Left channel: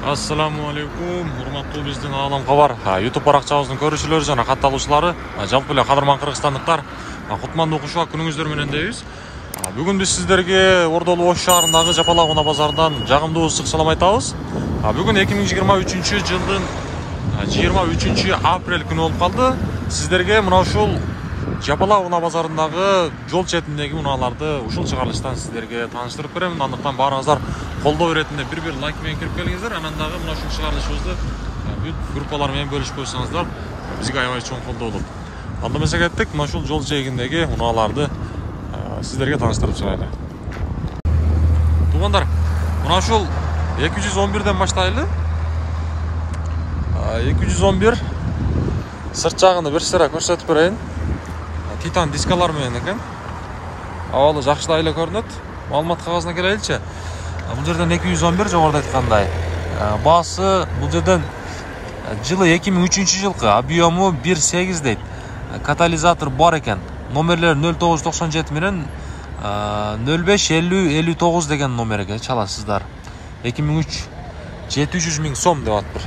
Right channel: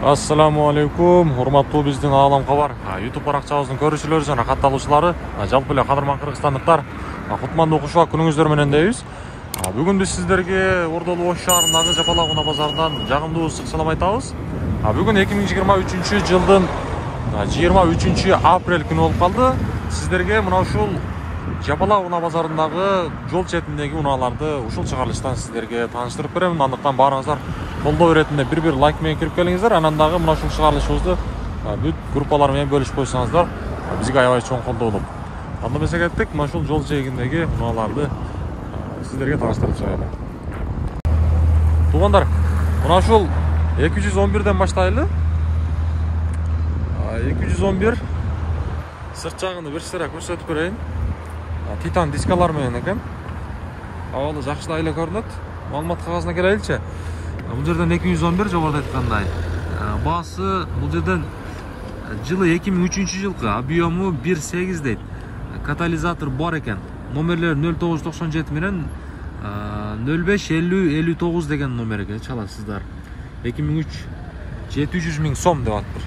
Assalamu alaikum, урматтуу биздин Алам Кабар YouTube баракчабыздын көрүүчүлөрү жана катталуучулары, жалпы эле кадырман кыргызстандыктар, кутмандуу кушак күнүңүздөр менен дейбиз. Бүгүн биз сиздерге Ордолу Ош шаарындагы Жапалак унаа базарынан жагымдуу ысык салам айтабыз. Бүгүн 2023 жылдын 23 апрель күнү болуп калды. Сиздерге мына ушул Жапалак унаа базарындагы жол четиндеги унааларды ушул чыгарылыштан сиздерге тааныштырып беремин. Андыктан баарыңыздар колдоо иретинде бир лайк менен кирип келиңиздер. Анан дагы мына ушул чыгарылышыбызды бүт группалар менен бөлүшүп койсоңуздар, бизге аябай чоң колдоо болот. Анда эмесе кеттик, мына ушул жол жээгиндеги унааларды сиздерге тааныштырып чыгайлы. Туугандар, мына ушул 211ден баштайлы. 211 сырт жагын бир сыра көрсөтүп берейин. Титан дискалар менен экен. Абалы жакшылай эле көрүнөт. Маалымат кагазына келеличи. Бул жерден 211 жогоруда айткандай. Баасы бул жерден жылы 2003 жылкы, объему 1.8 дейт. Катализатор бар экен. Номерлер 0997 менен 055059 деген номерге чаласыздар. 2003 700 миң сом деп атыптыр.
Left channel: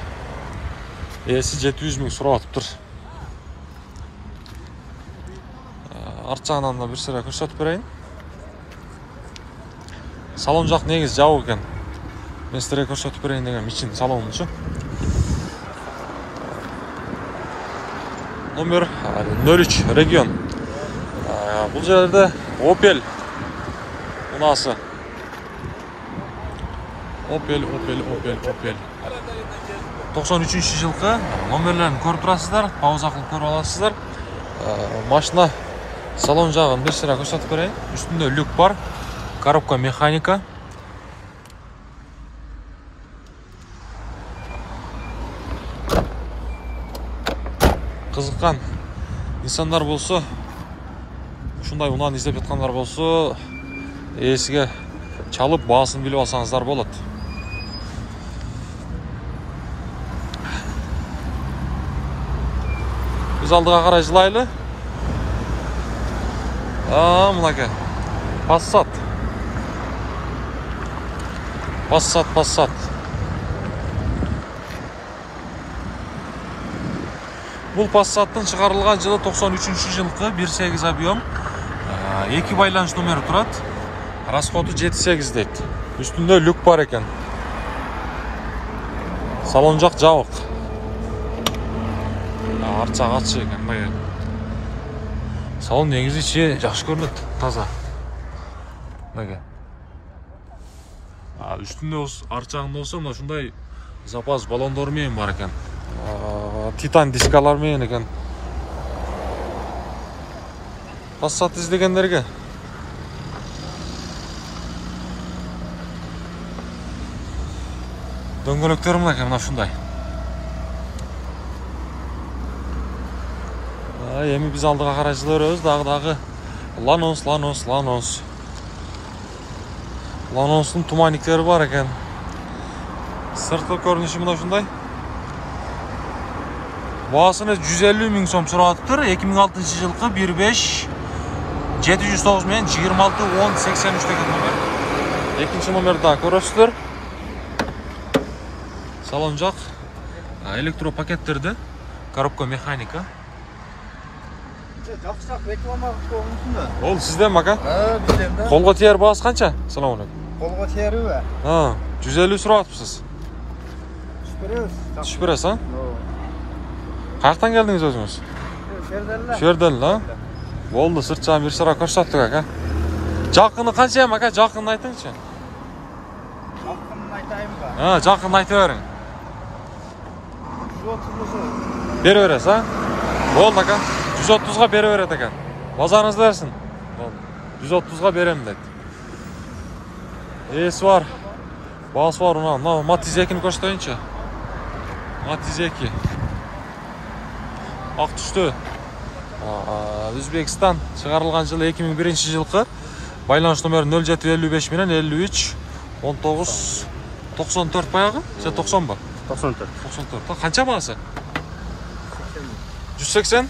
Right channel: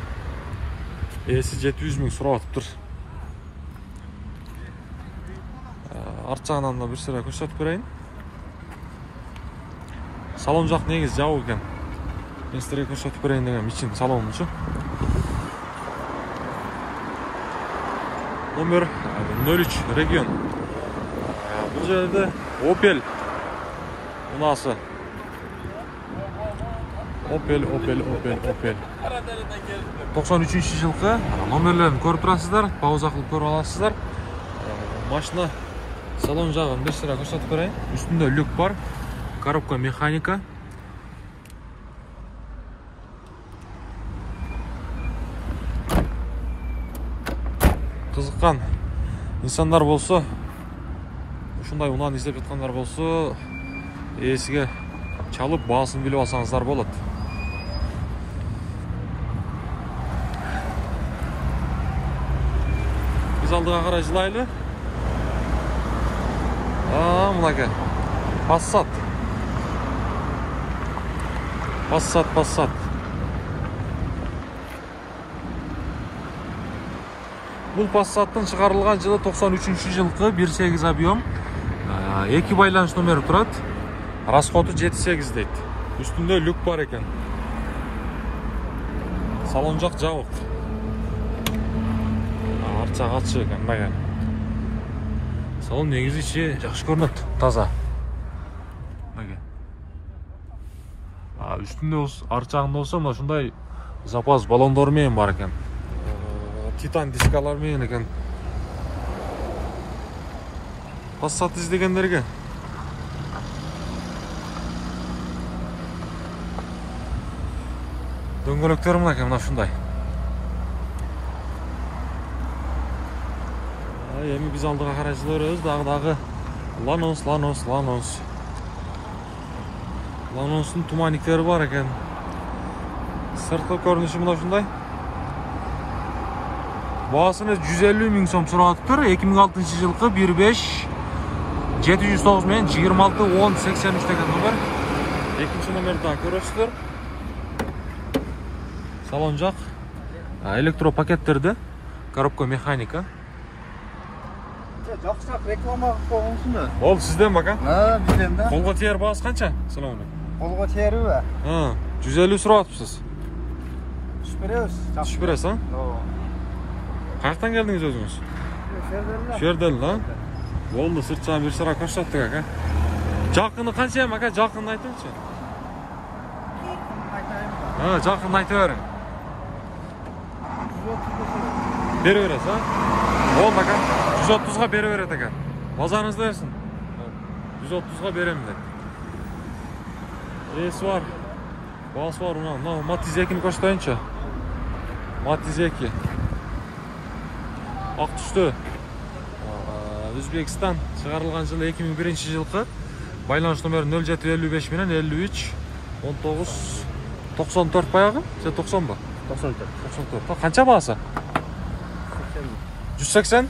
Эси 700 миң сурап атыптыр. Арт жагынан да бир сыра көрсөтүп берейин. Салон жак негизи жабык экен. Мен сиздерге көрсөтүп берейин деген ичин салонунчу. Номер 03 регион. Бул жерде Opel унаасы. Opel 93 жылкы. Номерлерин көрүп турасыздар, пауза кылып көрүп аласыздар. Машина салон жагын бир сыра көрсөтүп берейин. Үстүндө люк бар. Коробка механика. Кызыккан инсандар болсо, ушундай унааны издеп жаткандар болсо, эсиге чалып баасын билип алсаңыздар болот. Биз алдыга карай жылайлы. Мынаке. Passat. Бул Passat'тын чыгарылган жылы 93 жылкы, 1.8 объем. 2 байланыш номери турат. Расходу 7.8 дейт. Үстүндө люк бар экен. Салон жак жабык. Арт жак ачык экен, мына. Салон негизи ичи жакшы көрүнөт, таза. Мына. Үстүндө арт жагында болсо мына ушундай запас баллондор менен бар экен. Титан дискалар менен экен. Passat издегендерге дөңгөлөктөр мына экен, мына ушундай. Эми биз алдыга карай жылы беребиз, дагы Ланостун туманниктери бар экен. Сырткы көрүнүшү мына ушундай. Баасыны 150 миң сом сурап атыптыр. 2006 жылкы 1.5 709 менен 261083 деген номер. Экинчи номерди да көрөсүздөр. Салон жак электро пакеттерде, коробка механика. Жакшыраак реклама койгонсуң. Ол сизден бака? Бизден да. Колго тиер баасы канча? Салам алейкум. Колго тиериби? 150 сурап атыпсыз. Түшүп бересиз, Каяктан келдиңиз өзүңүз? Шерден, Болду, сырт жагын бир сыра көрсөттүк ака. Жакыны канча ака? Жакынын айтыңызчы. Жакынын айтып бериң. 130 бере бересиз, Болду ака. 130га бере берет экен. Базарыңызды берсин. 130га берем дейт. Эси бар. Баасы бар уна. Matiz 2-ни көрсөтөйүнчү. Matiz 2. Ак түштү. Өзбекстан чыгарылган жылы 2001 жылкы. Байланыш номери 0755 менен 53 19 94 баягы? Же 90 ба? 94. Канча баасы? 180.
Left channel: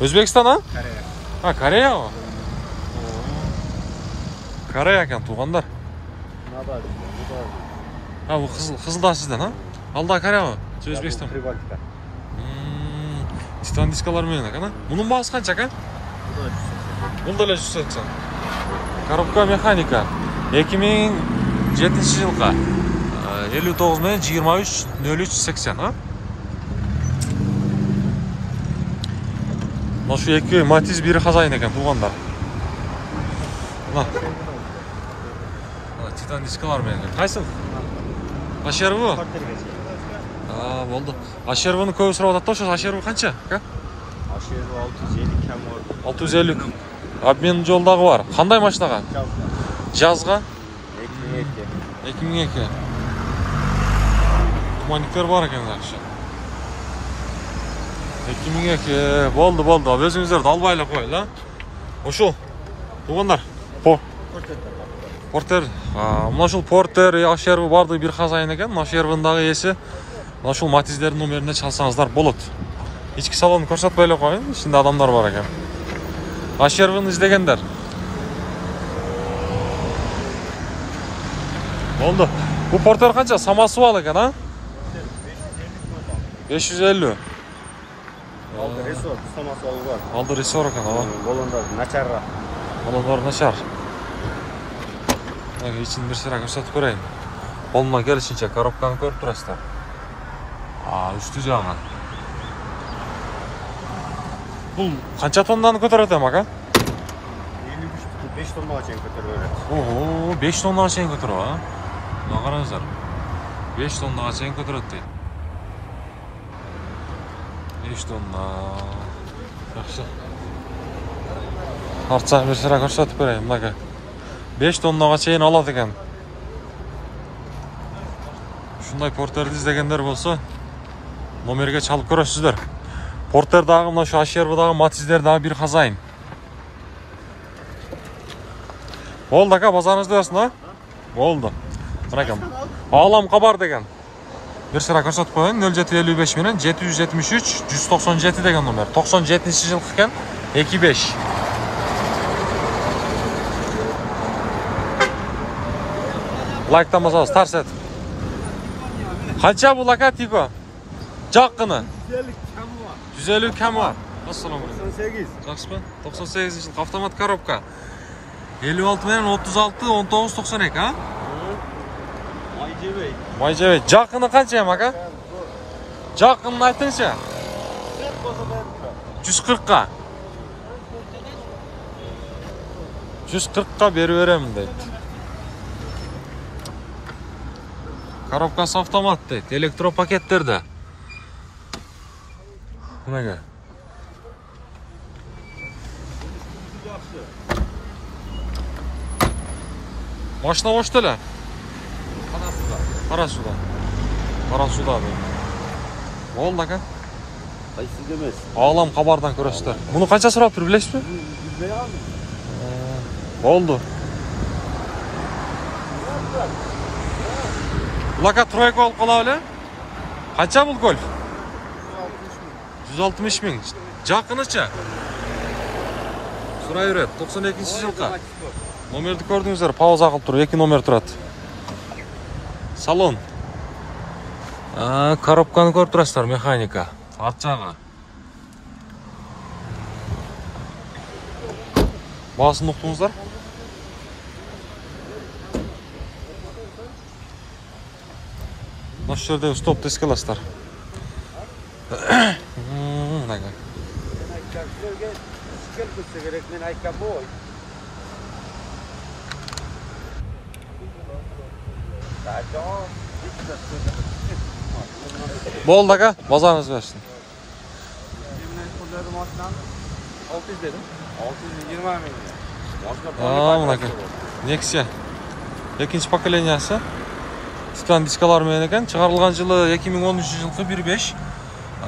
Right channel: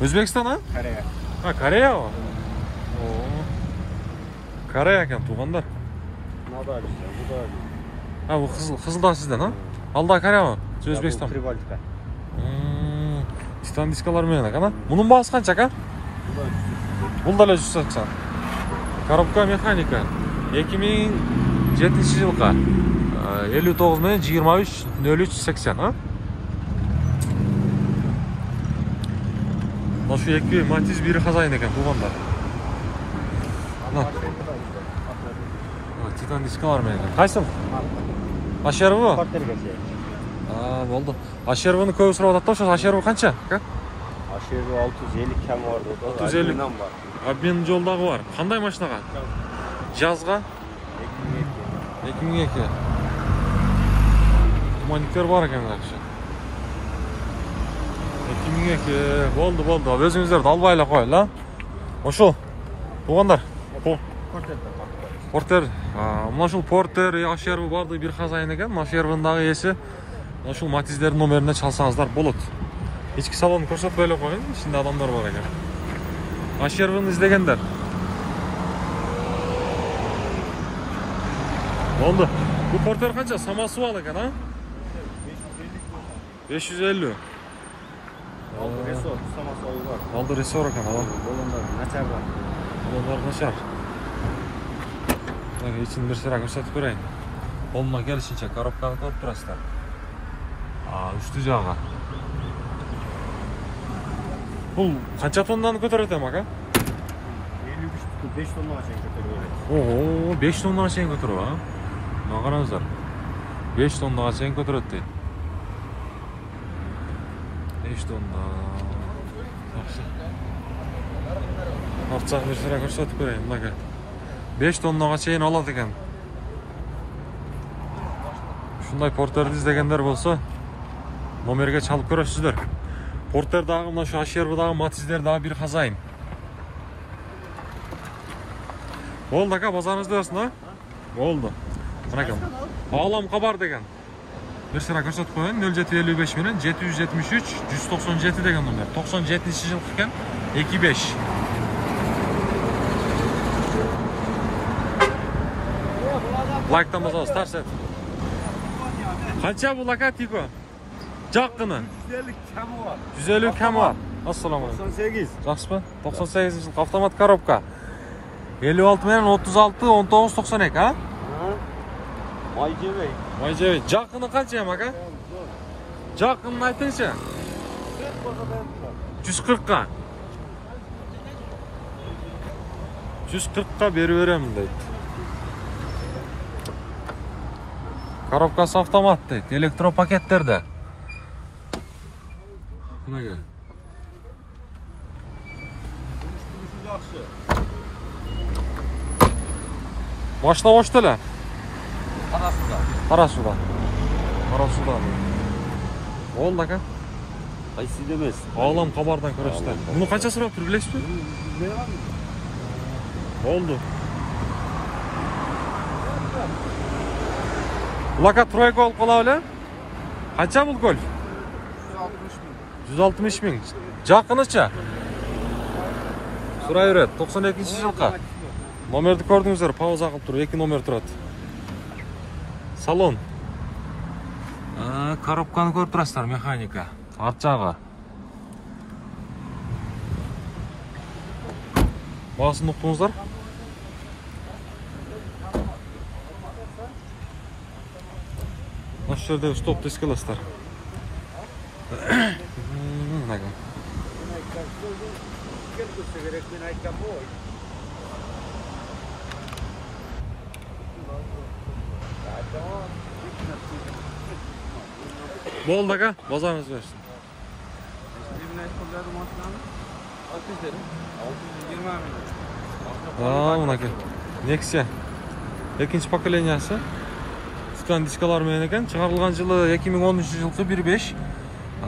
Өзбекстан, Корея. Корея ба? Корея экен, туугандар. Ha bu kızıl da sizden ha? Alda Koreya mı? Özbekistan. Прибалтика. Titan diskalar mı yana kana? Bunun bağısı kaç ka? Бұл да 180. Коробка механика. 2007 жылға 59 мен 23 03 80 ha? Мына şu екі Matiz biri хазайын екен туғандар. Мына Titan дискалар мен екен. Қайсыл? HRV? Болды. HRV-ны көбі сұрап жатады. Şu HRV қанша? HRV 650 кем var. 650. Обмен жолдағы бар. Қандай машинаға? Жазға? 2002. Туманиктер бар екен жақсы. 2002. Болды. Өзіңіздерді албайлап қойыл, Ошыл. Туғандар. Портер. Мына шул Портер, HRV барды бір хазайын екен. HRV-дағы есі. Мына шул Матиздердің номеріне çalсаңыздар болады. Ички салонын көрсетпейлі қойын. Ішінде адамдар бар екен. HRV-ны іздегендер. Болды. Bu Porter қанша? Самосвал екен, а? 550. Алды ресор екен, ала. Балондар нашар. İçini bir sıra көрсетіп көрейін. Қолына келішінше коробканы көріп тұрасыздар. Үсті жаға. Бұл қанша тоннаны көтереді ма? 5 тоннаға шейін көтереді. Ого, 5 тоннаға шейін көтереді, а? Мына қараңыздар. 5 тоннаға шейін көтереді дейді. 5 тонна. Жақсы. Артсақ бір sıra көрсетіп көрейін, мынаға. 5 тоннаға шейін алады екен. Шундай Портерді іздегендер болса, номерге çalып көресіздер. Портердағы, мына шу HRV-дағы, Матиздердағы бір хазайын. Болды ака, базарыңызды өсін, а? Болды. Мынакам. Алам қабар деген. Bir sıra көрсетіп қойын, 0755 менен 773 197 деген номер. 97 жыл екен, 25. Лайктан басамыз, тарс ет. Қанша бұл ака типі? Жаққыны? 150 кәмі бар. Ассаламу алейкум. 98. Жақсы ба? 98 жылғы автомат коробка. 56 менен 36 19 92, а? Май жебей. Жаққыны қанша ем ака? Жаққынын айтыңшы. 140-қа. 140-қа бері беремін дейді. Коробкасы автомат дейді. Электропакеттерді. Бұнаға. Машина ош төлі? Қарасуда. Қарасуда дейді. Болды ака? Қайсы демес. Ağlam қабардан көресіздер. Бұны қанша сұрап тұр, білесіз бе? Болды. Бұл ака тройка алып қала өлі? Қанша бұл гольф? 160 мың. Жақыныча? Сұрай өрет. 92 жылға. Номерді көрдіңіздер, пауза қылып тұр. 2 номер тұрады. Салон. Коробканы көріп тұрасыздар, механика. Арт жағы. Бағасын ұқтыңыздар? Осы жердегі стоп дискаластар. Мынаға. Болды ака, базарыңыз берсін. Мынаға. Nexia. Екінші поколениясы. Titan дискалар мен екен. Шығарылған жылы 2013 жылғы 1.5.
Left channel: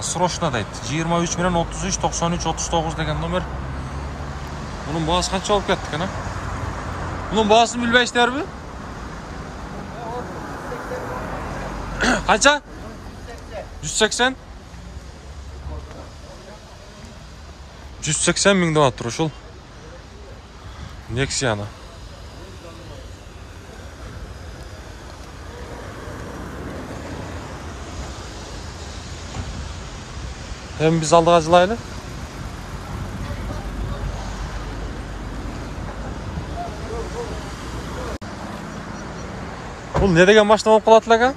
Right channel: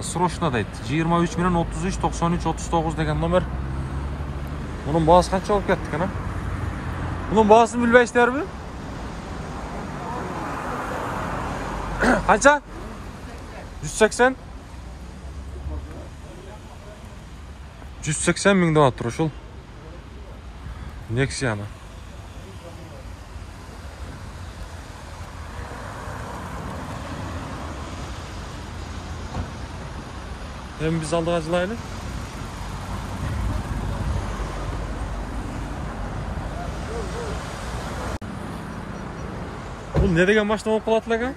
Срочно дейді. 23 менен 33 93 39 деген номер. Бұның бағасы қанша болып кетті екен, а? Бұның бағасын білбейсіздер бе? Қанша? 180? 180 мың деп тұр ұшыл. Nexia-ны. Hem biz aldık acılaylı. Bu ne degen maşina bolup kalat elek?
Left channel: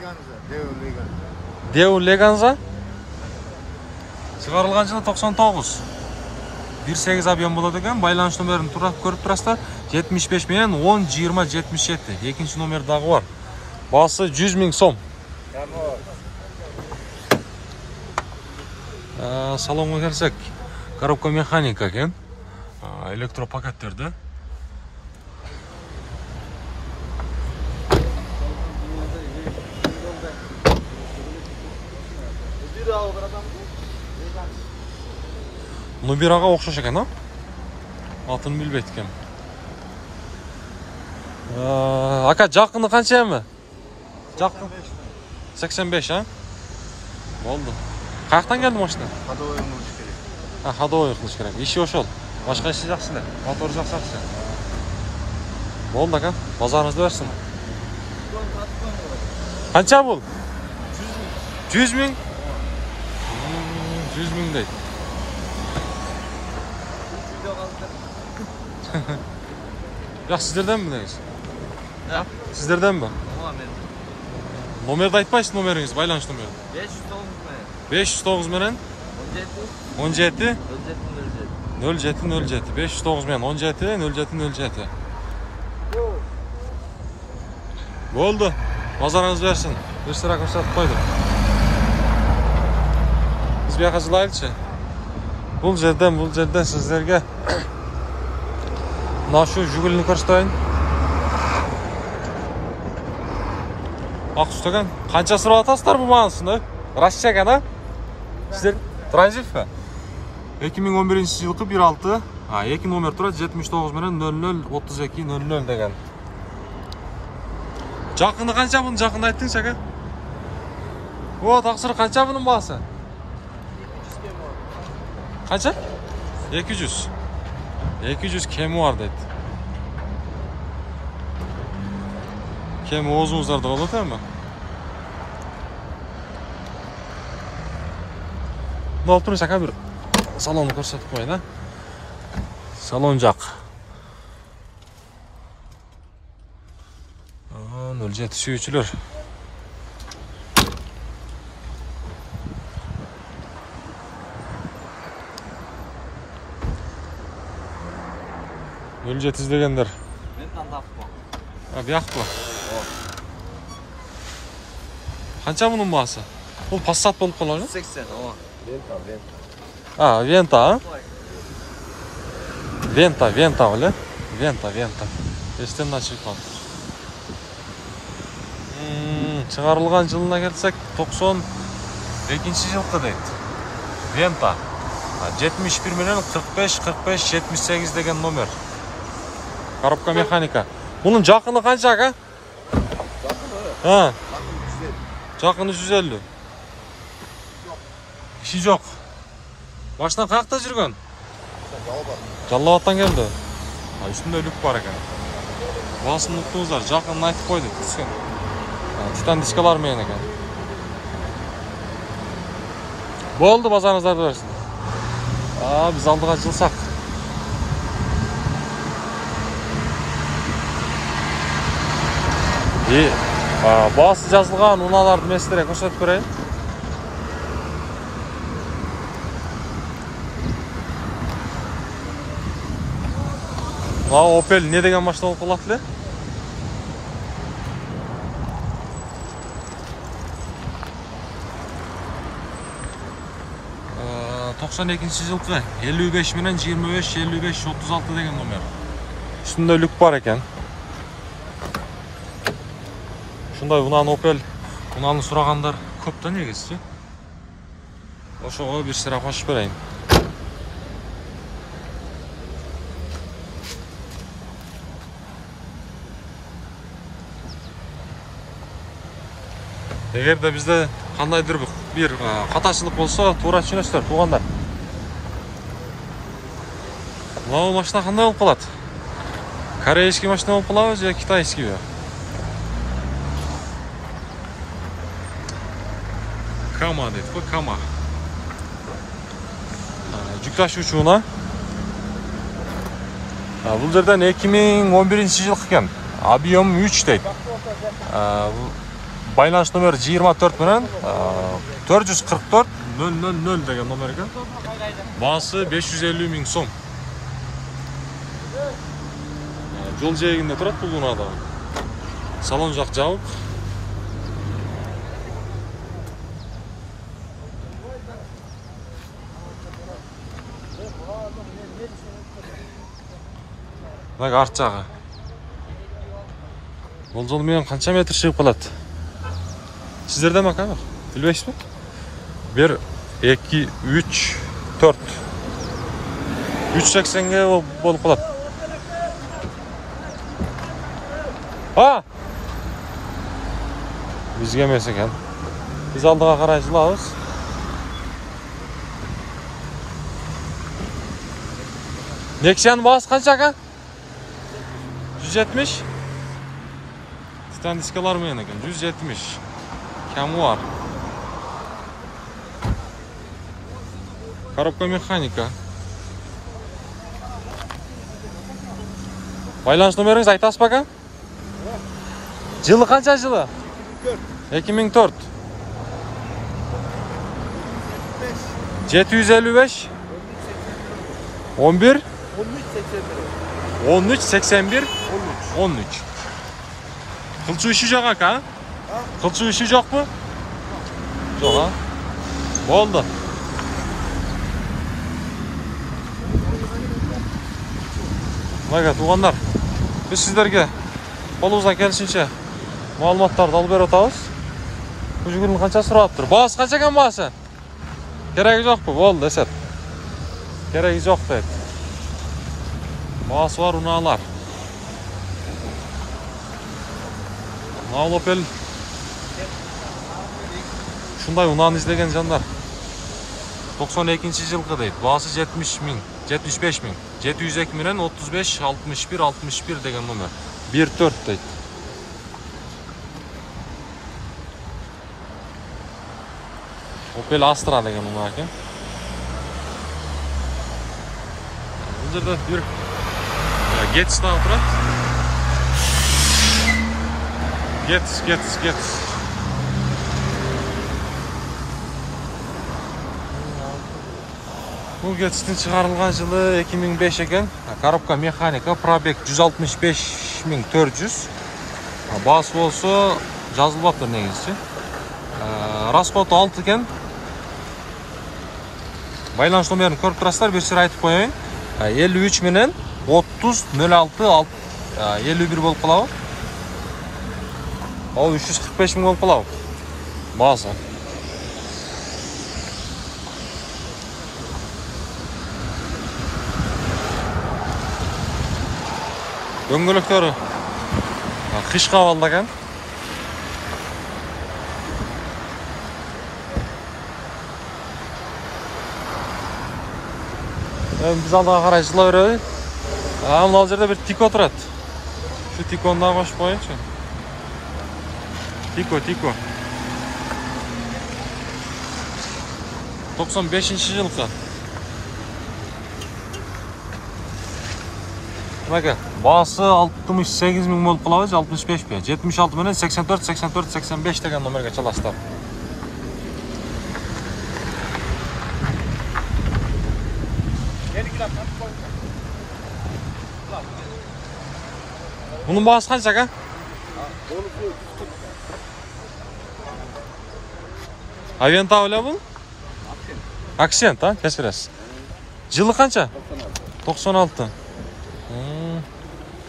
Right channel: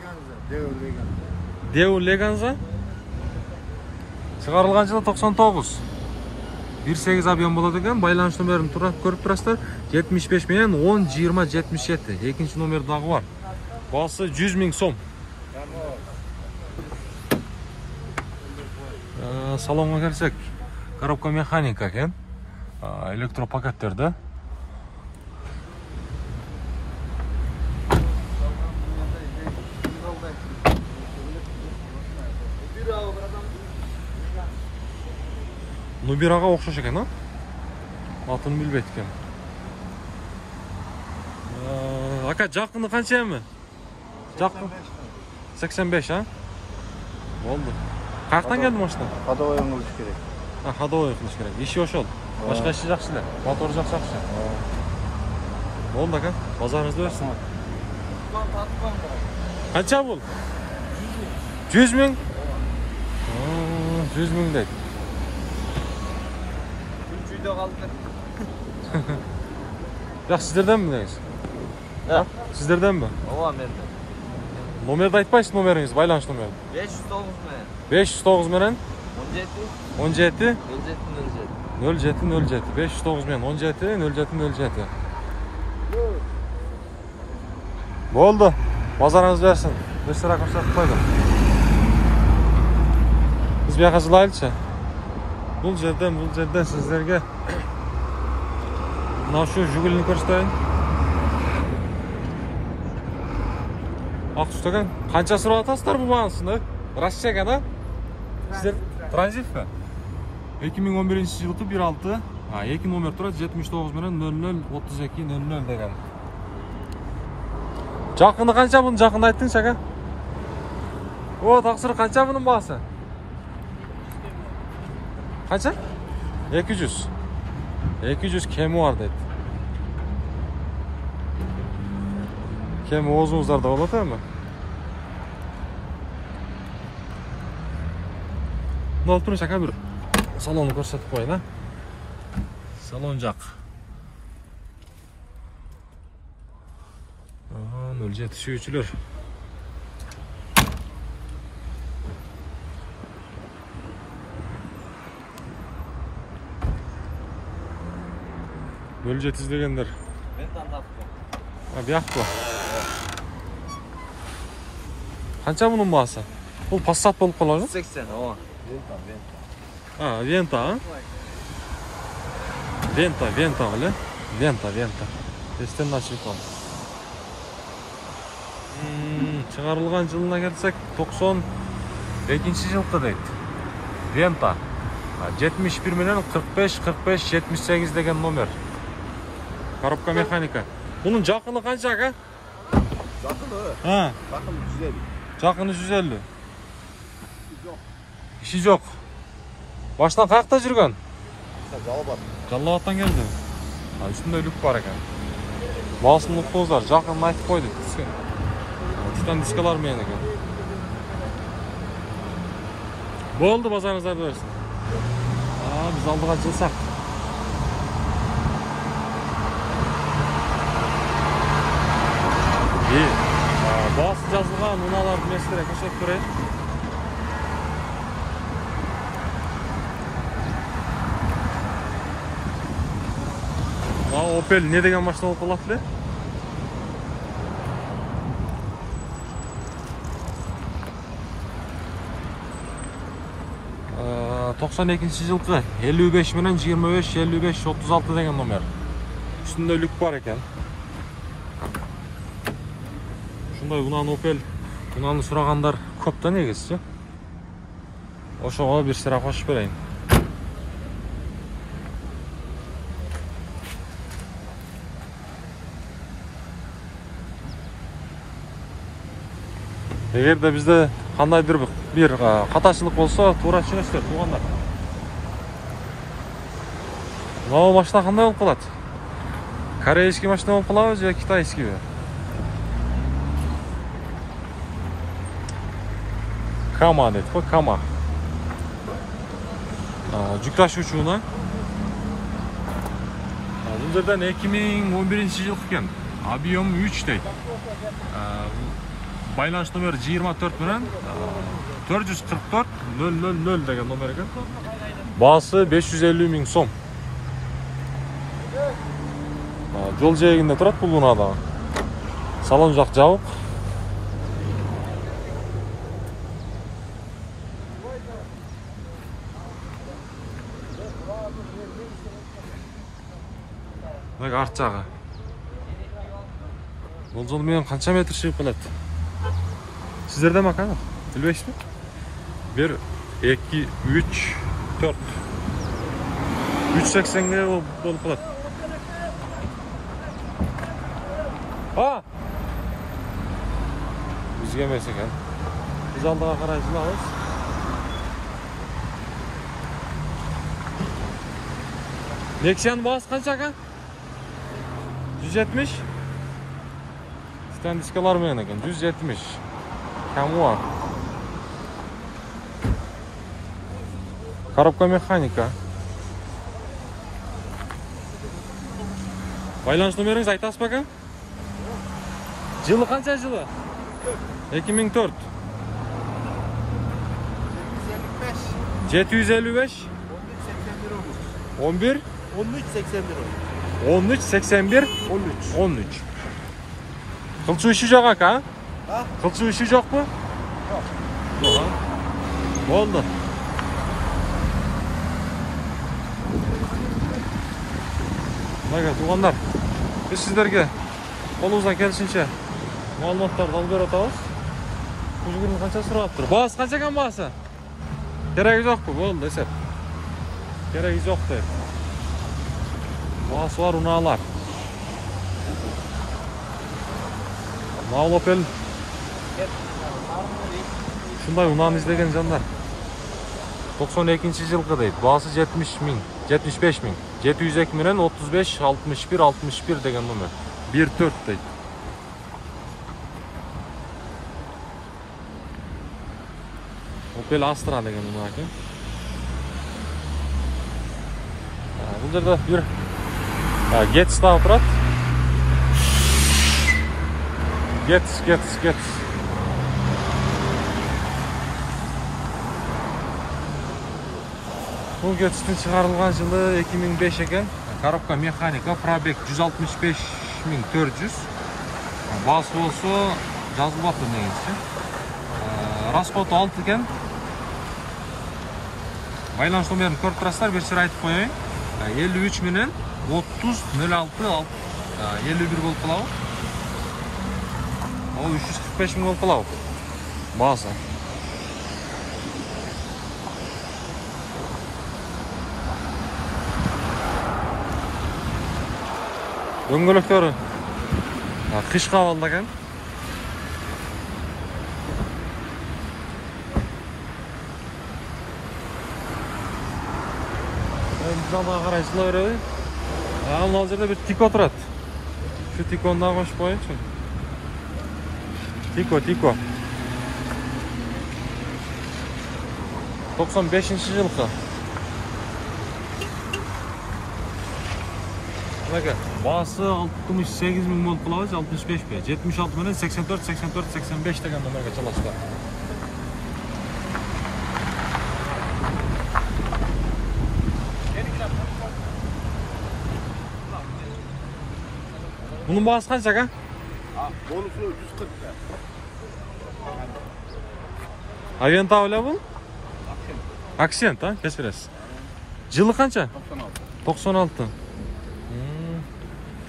Deu Leganza. Çıkarılgan жылы 99. 1.8 объем болот экен. Байланыш номерин көрүп турасыздар. 75 менен 10-20-77. Экинчи номер дагы бар. Баасы 100 000 сом. Салонго келсек, коробка механика экен. Электропакеттерде. Нубираға окшош экен, а? Атын билбейт экем. Ака, жакыны канча эми? Жакын 85, а? Болду. Каяктан келди машина? Ходовой кылыш керек. Ходовой кылыш керек. Иши ошол. Башка иши жакшы эле. Мотор жакшы. Болду, ака. Базарыңызды берсин. Канча бул? 100 000? 100 000 дейт. Жак, сиздерденби негиз? Сиздерденби? Ооба, менде. Номерди айтпайсыз, номериңиз, байланыш номери. 509 менен 17 07 509 менен 17 07 07. Болду. Базарыңыз берсин. Бир сыра көрсөтүп койдум. Биз бияка жылайлычы. Бул жерден сиздерге мына şu жүгүлүнү көрсөтөйүн. Ак түстөгөн. Канча сурап атасыздар бул маанысын? Россия экен, а? Сиздер транзитпи? 2011-жылкы 1.6. 2 номер турат 79 менен 003200 деген. Жакыны канча бунун? Жакын айттыңыз, ака? О, таксыр канча бунун баасы? Канча? 200. 200 kemi var dedi. Kemi ozunuzlarda olur değil mi? Ne oldu şaka bir salonu ko'rsatib qo'ying, ha? Salonjaq. 07 suyucular. Öljet izlegenler. Ben tantaptım. Buyaq bu. Qancha bunun bahası? Bu Passat bolup qoladi? 80. Ооба. Venta. Venta, ha? Venta öyle. Venta. Esten açık var. Çıkarılgan жылына келсек 92-жылкы дейт. Venta. 71 менен 45 78 деген номер. Коробка механика. Bunun жакыны канча, ака? Жакыны 150. İşi жок. Башынан каякта жүргөн? Жаллабаттан келди. Үстүндө люк бар экен. Баасын уктуңуздар, жакынын айтып койду. Титан дискалар менен экен. Болду, базарыңыздарды берсин. Биз алдыга жылсак. Baası жазылған унааларды мен сіздерге көрсөтүп берейин. Opel ne деген машина болуп калат эле? Токсон экинчи жылкы 55 менен 25 55 36 деген номер. Үстүндө люк бар экен. Ушундай унан Opel, унаны сурагандар көп да негизи. Ошого бир сыра кошуп берейин. Эгерде бизде кандайдыр бир катачылык болсо, туура түшүнөсүздөр, туугандар. Мына машина кандай болуп калат? Корейский машина болуп калабы же китайскийби? Kama deydi, bu Kama. жүк ташуучуна. Бул жерден 2011-жылы экен. Объем 3 дейт. Байланыш номери 24 менен 444 000 деген номер экен. Баасы 550 000 сом. Жол жээгинде турат бул унада. Салон жак жабык. Мына арт жагы. Бул жол менен канча метр чыгып калат? Сиздерде ма камер? Билбейсизби? 1 2 3 4 380ге болуп калат. Бизге эмес экен. Биз алдыга карай жылабыз. Nexion'un baası kaç aka? 170. Titan diskalar mı yanıken? 170. Kamu var. Коробка механика. Байланыш номеріңіз айтасыз ба aka? Жылы қанша жылы? 2004. 755. 11. 1381. 13. Kılçı işi yok aka? Kılçı işi yok mu? Yok ha. Oldu. Ага, туғандар, біз сіздерге қолымыздан келісінше мағлұматтарды алып беріп атабыз. Бұл жүгірдің қанша сұрап тұр? Бағасы қанша екен бағасы? Керегі жоқ па? Болды, десеп. Керегі жоқ па? Бағасы бар ұналар. Ұнал Opel. Шундай ұнаны іздеген жандар. 92 жылғы дейді. Бағасы 70 000, 75 000. 702 менен 35 61 61 деген номер. 14 дейді. Opel Astra деген номер екен. Бұл жерде бір Getz тағы тұрады. Getz. Бұл Getz'тің шығарылған жылы 2005 екен. Коробка механика, пробег 165 400. Басы болса жазылбапты негізі. Расход 6 екен. Байланыш номерін көріп тұрасыздар, бір сыр айтып қояйын. 53 менен 30 06 51 болып қалауы. Ол 345 000 болып қалауы. Басы. Дөңгелектері қышқа алды екен. Біз алдыға қарай жыла береді. Мынау жерде бір Тико тұрады. Шу Тиконы да қосып қойыңызшы. Тико. 95 жылғы. Басы 68 000 болып қалауыз, 65 бе? 76 менен 84 деген номерге çalастар. Bunun bağısı kaç aka? Aventa öyle bu? Accent ha, kesiriz. Жылы қанша? 96.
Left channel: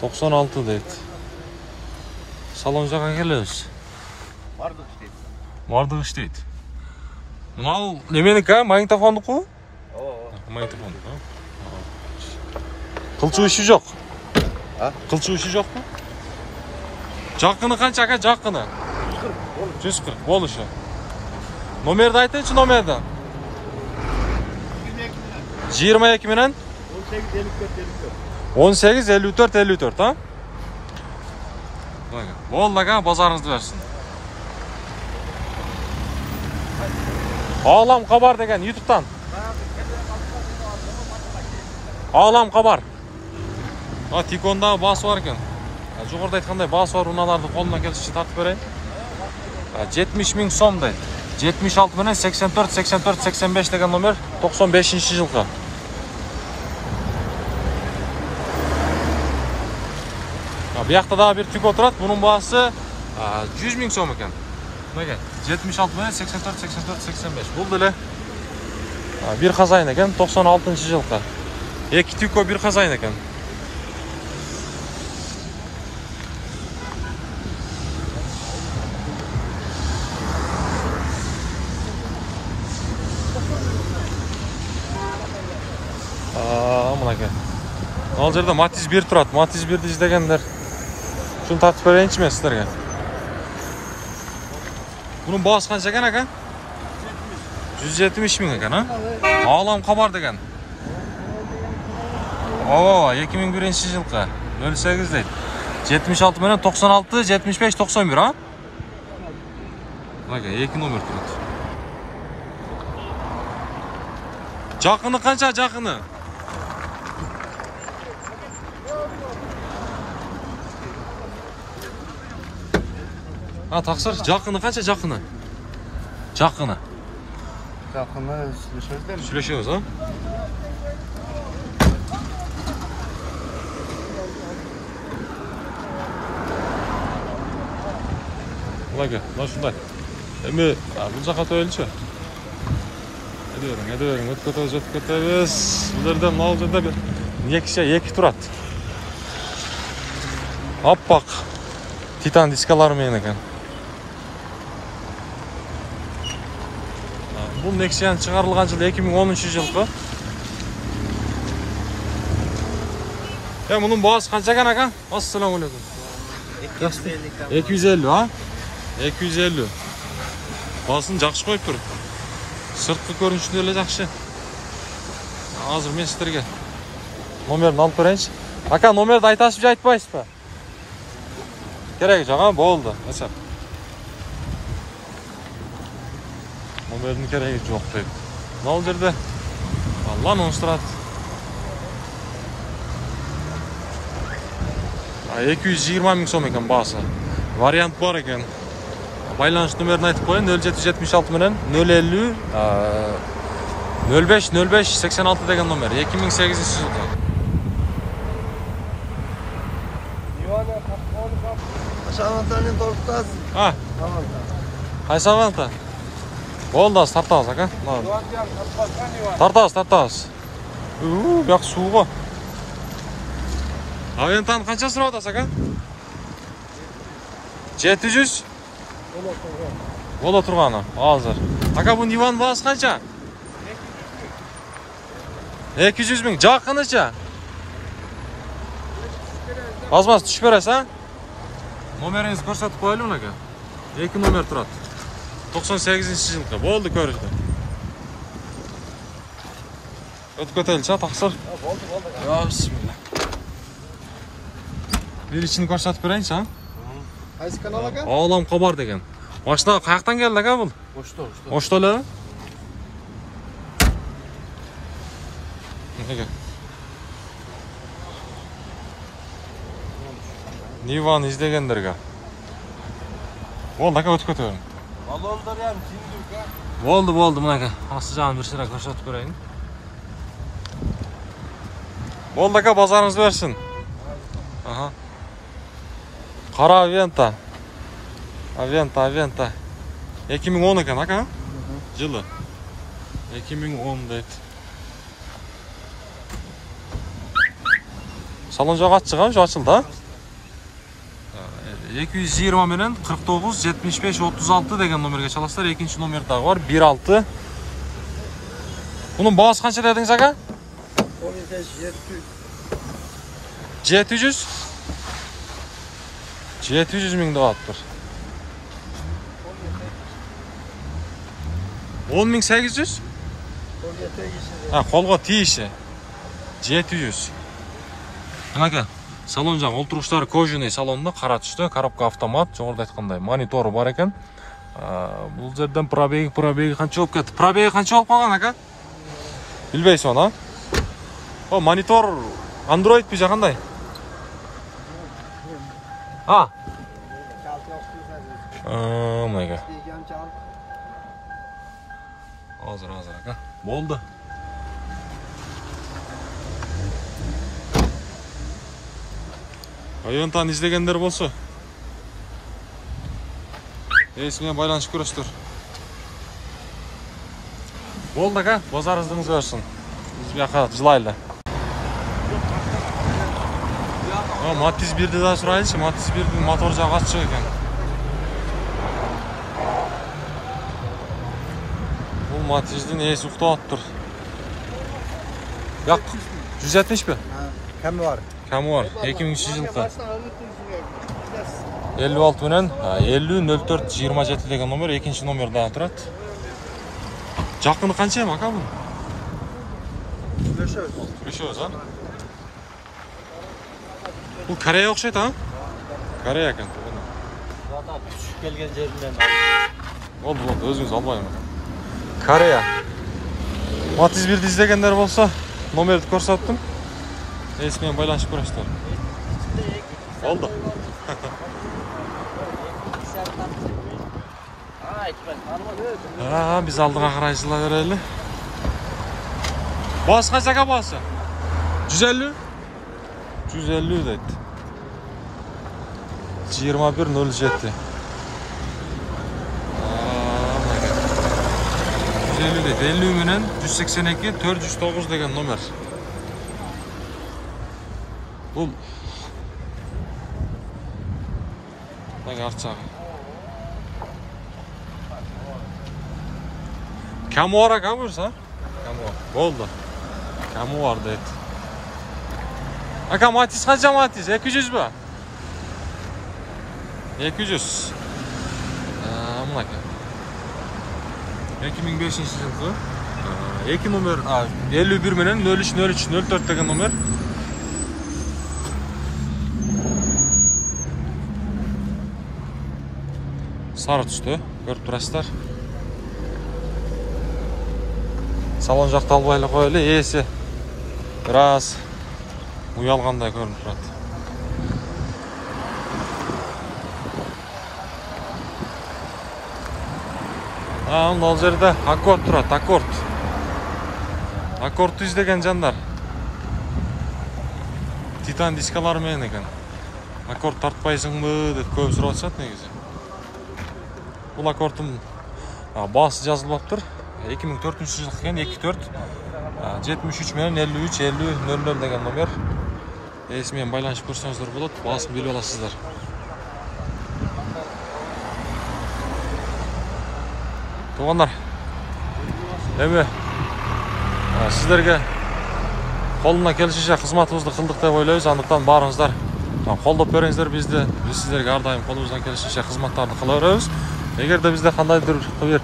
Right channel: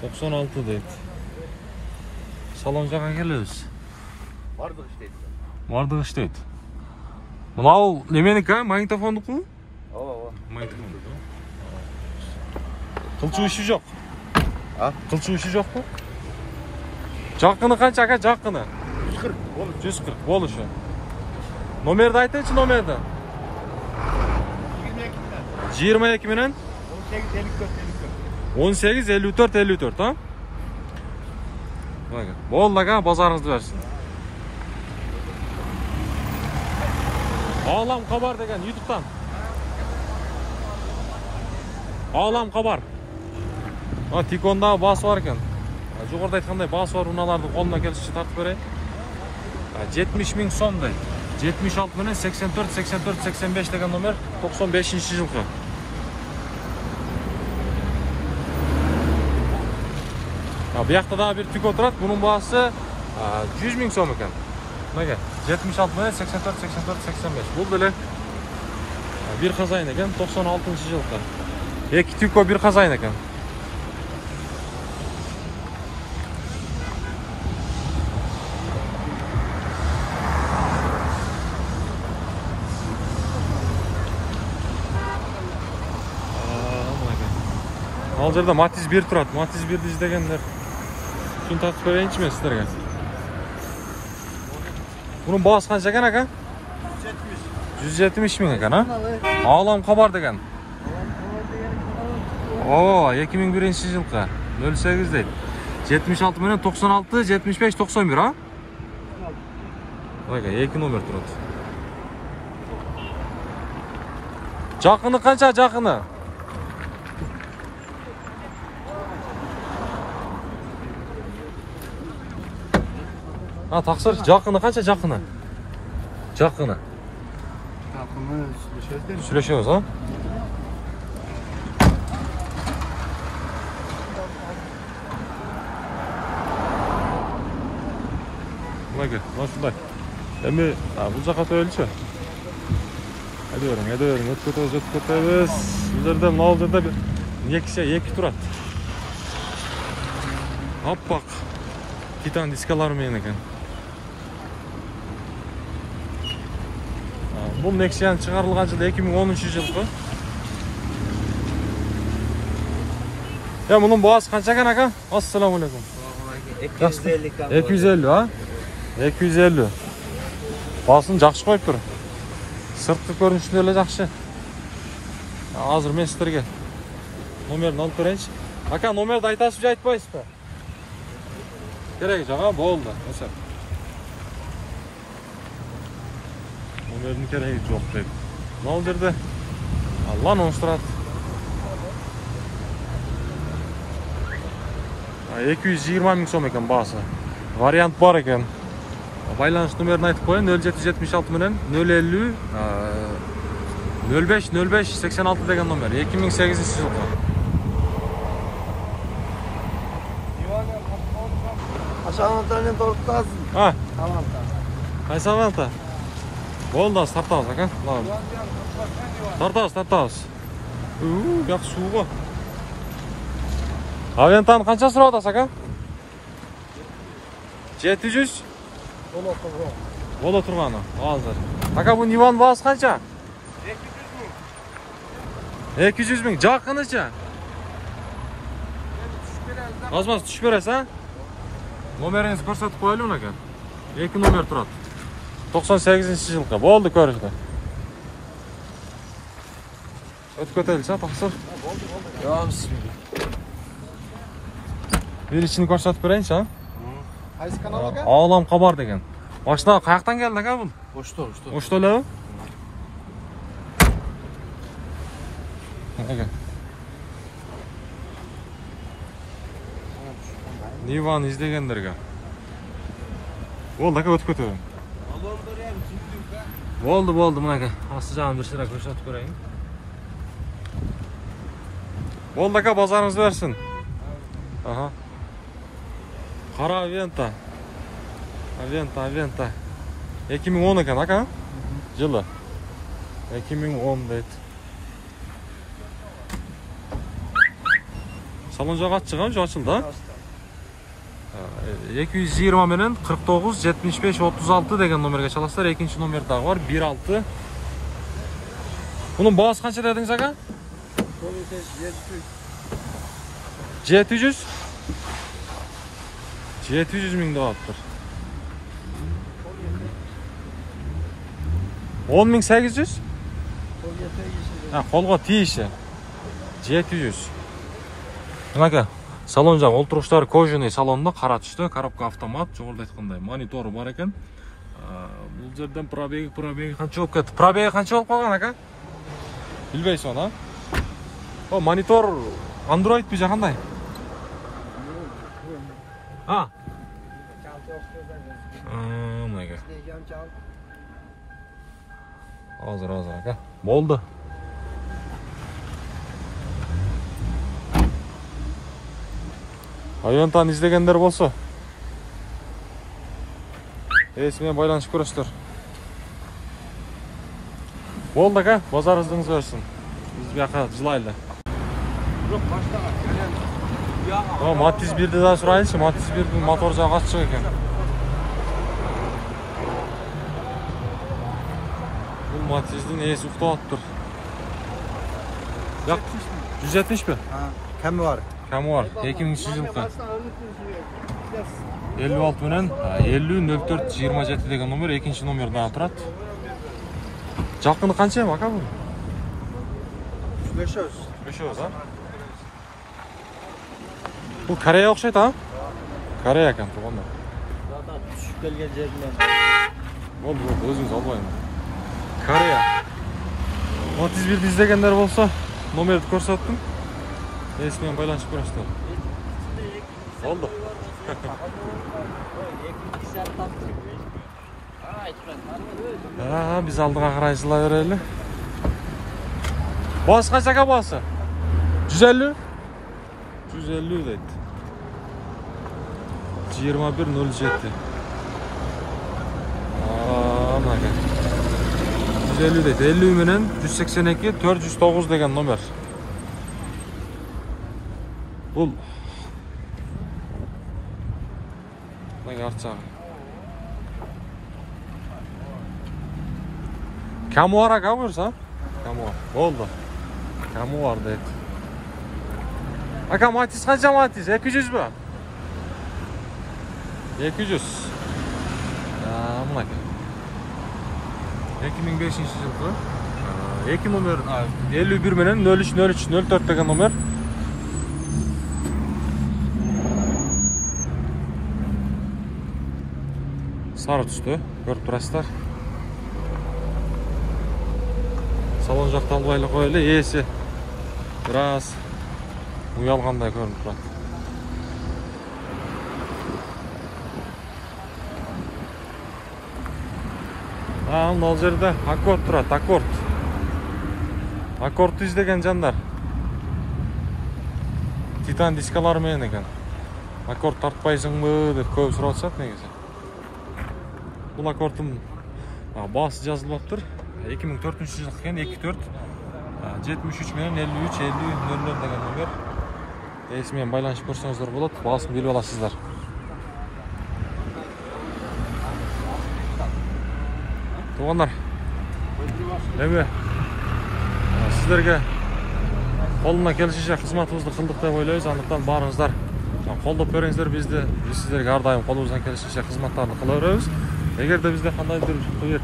96 deydi. Salon жаққа келеміз. Бардық іштейді. Мынау неменікі, магнитофондық қой? Магнитофондық. Қылчу іші жоқ. Қылчу іші жоқ па? Жаққыны қанша ака, жаққыны? 140, бол үші. Номерді айтыңшы, номерді. 22 менен? 18 54, ha? Болды ака, базарыңызды берсін. Ağlam Xabar деген YouTube'dan. ааламка бар. Тикондагы баасы бар экен. Жогоруда айткандай баасы бар унааларды колуна келишинче тартып берейин. 70 000 сом дейт. 76 менен 84 84 85 деген номер 95-жылкы. Биякта дагы бир тико турат. Бунун баасы 100 000 сом экен. Мынага 76 менен 84 84 85. Бул деле бир казайын экен 96-жылкы. Эки тико бир казайын экен. Ал жерде Matiz 1 турат. Matiz 1'di издегендер. Шуну тартып берейинчи мен сиздерге. Bunun baası kança eкен aka? 170 000 eкен, ha? Ааламка бар деген. Oo, 2001-жылкы. 08 дейт. 76 менен 96, 75, 91, ha? Ага, 2 номер турат. Жакыны канча, жакыны? Тақсыр, жақыны қанша жақыны? Жақыны. Жақыны сүйлөшөбүз. Сүйлөшөбүз, а? Мына ушундай. Эми бул жака өтөлүчү. Айда бериң, өтүп кетебиз. Бул жерде, мына жерде бир эки турат. Аппак титан дискалары менен экен. Бул Nexian чыгарылган жыл 2010-жылкы. Мунун баасы канча экен ака? Ассаламу алейкум. 250, а? 250. Баасын жакшы коюптур. Сырткы көрүнүшү деле жакшы. Азыр мен сиздерге номерин алып берейинчи. Ака, номерди айтасызбы же айтпайсызбы? Кереги жок, а? Болду. Номердің керегі жоқ дейді. Мынау жерде Lanos тұрат. 220 000 сом екен басы. Вариант бар екен. Байланыш номерін айтып қойын. 0776 менен 050 05 05 86 деген номер. 2008 жылғы. Ашавантаны толықтасыз. Айсаванта. Болды, тартабыз, ака. Тартабыз. Бияқ суға. Авентаны қанша сұрап атасыз, ака? 700? Бола тұрғаны, азыр. Ака, бұл Ниван басы қанша? 200 000. Жақыныча? Азмас түшіп бересіз, а? Номеріңізді көрсетіп қойылым, ака. 2 номер тұрады. 98-жылқы. Болды көрішті. Өтіп көтеліші, тақсыр. Бисмилла. Bir içini көрсетіп берейінші, а? Қайсы канал ака? Ааламка бар деген. Машина қаяқтан келді, ака бұл? Ошто өлі? Ниван издегендерге. Болды, ака, өтіп көтелім. Болды, мынака. Асты жағын бір сыра көрсетіп көрейін. Болды, ака, базарыңыз берсін. Қара Авента. Авента. 2010 екен, ака? Жылы. 2010 дейді. Салон жағы атшыған, жо açıldı, ha? 220 менен 49 75 36 деген номерге çalasыздар. Экинчи номер дагы бар, 16. Bunun baası kança dediniz aka? 700. 700 000 kalıptır. 10.800? Ha, kolga tiyişi. 700. Aka, salon жағы олтырғыштары кожаный салонда, қара түсті, коробка автомат, жоғырда айтқандай мониторы бар екен. Бұл жерден пробеги қанша болып кетті? Пробеги қанша болып қалған, ака? Білбейсің оны, а? О, монитор Android бе қандай? А. Мынайга. Азыр ака. Болды. Айонтан издегендер болсо. Менен байланышып көрөсүздөр. Болды ака, базарыңыз берсин. Биз бияка жылайлы. Matiz 1'de daha surayınca Matiz 1'de motor jağı açık ekan. Bu Matiz'in esi uftaptır. Yak 170 mi? Kemi var. Kemi var. 2000 yılkı. 56 bilen 50 04 27 деген номер, экинчи номерде турат. Жакыны канча эми ака бул? Күрөшөбүз, а? Бұл Корея окшойт, а? Корея екен, туғаны. Düşüp gelgen yerinden. Болды, өзіңіз албайым. Корея. Matiz 1'de издегендер болса, номерді көрсөттүм. Менен байланышып көрөсүздөр. Болды. Биз алдыға карай жыла берели. Басы канча ака басы? 150? 150 deydi. 2107. Mınaka. 150 deydi. 50 menen 182 409 деген номер. Бул. Мынага арчагы. Kamu var ağa buyursa? Kamu var. Oldu. Kamu var deydi. Aka Matiz kanca Matiz? 200 mü? 200. Mınaka. 2005 yılkı. 2 номер 51 menen 03 03 04 деген номер. Sarı түстө, көрүп турасыздар. Салон жақты албайлы қойлы, есі біраз уялғандай көрініп тұрады. Мынау жерде аккорд тұрады, аккорд. Аккордты издеген жандар. Титан дискалары менен екен. Аккорд тартпайсың бы деп көп сұрап жатат негізі. Бұл аккордтың басы жазылып тұр. 2004 жыл екен, 24 73 менен 53 50 00 деген номер. Есімен байланышып көрсеңіздер болады, басын біліп аласыздар. Туғандар, эми сіздерге қолына келишинче кызматыбызды кылдык деп ойлойбуз. Андыктан барыңыздар колдоп бериңиздер бизди. Биз сіздерге ар дайым колубуздан келишинче кызматтарды кыла беребиз. Эгерде бизде кандайдыр бир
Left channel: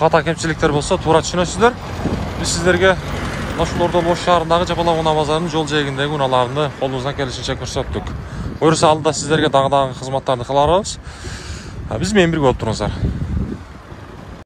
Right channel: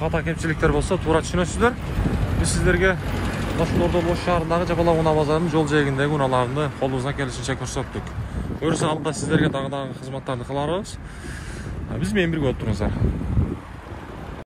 хата кемчиликтер болсо, туура түшүнөсүздөр. Биз сіздерге ошолордо Ош шаарындагы Жапалак унаа базарынын жол жээгиндеги унааларды колубуздан келишинче көрсөттүк. Буюрса алдыда сіздерге дагы кызматтарды кыла беребиз. Биз менен бирге болуп туруңуздар.